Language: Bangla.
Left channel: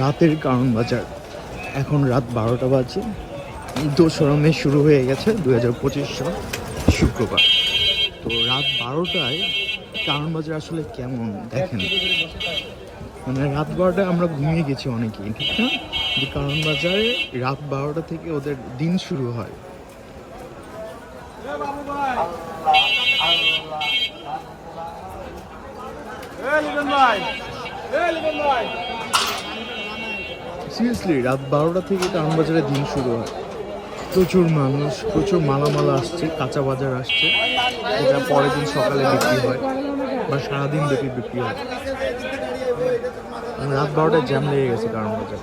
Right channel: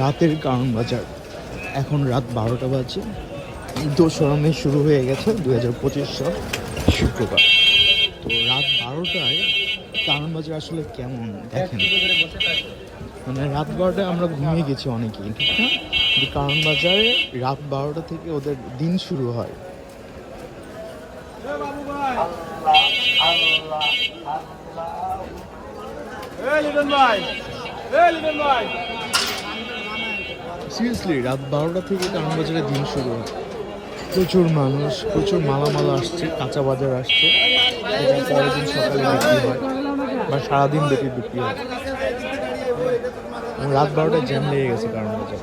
রাতের কারণ বাজার, এখন রাত 12টা বাজে। 2রা মে শুরু হয়ে গেছে 2025 সাল শুক্রবার। তো রাত 12টায় কারণ বাজার আসলে কেমন দেখেন, মানে রাত 12টায় আমরা ঘুমিয়ে গেছি অনেকেই, ঠিক না? কিন্তু কারণ বাজারে রাত 12টা থেকে ওদের দিন শুরু হয়। সিরিয়াসলি রাত 12টা থেকে কারণ বাজারে দিন শুরু হয়। প্রচুর মানুষ, প্রচুর মালামাল আসছে, কাঁচা বাজার আসছে, যেটা পরের দিন সকালে বিক্রি হয় বা সারাদিন ব্যাপী বিক্রি হয়। রাত 12টায় জ্যাম লেগে গেছে কারণ বাজার।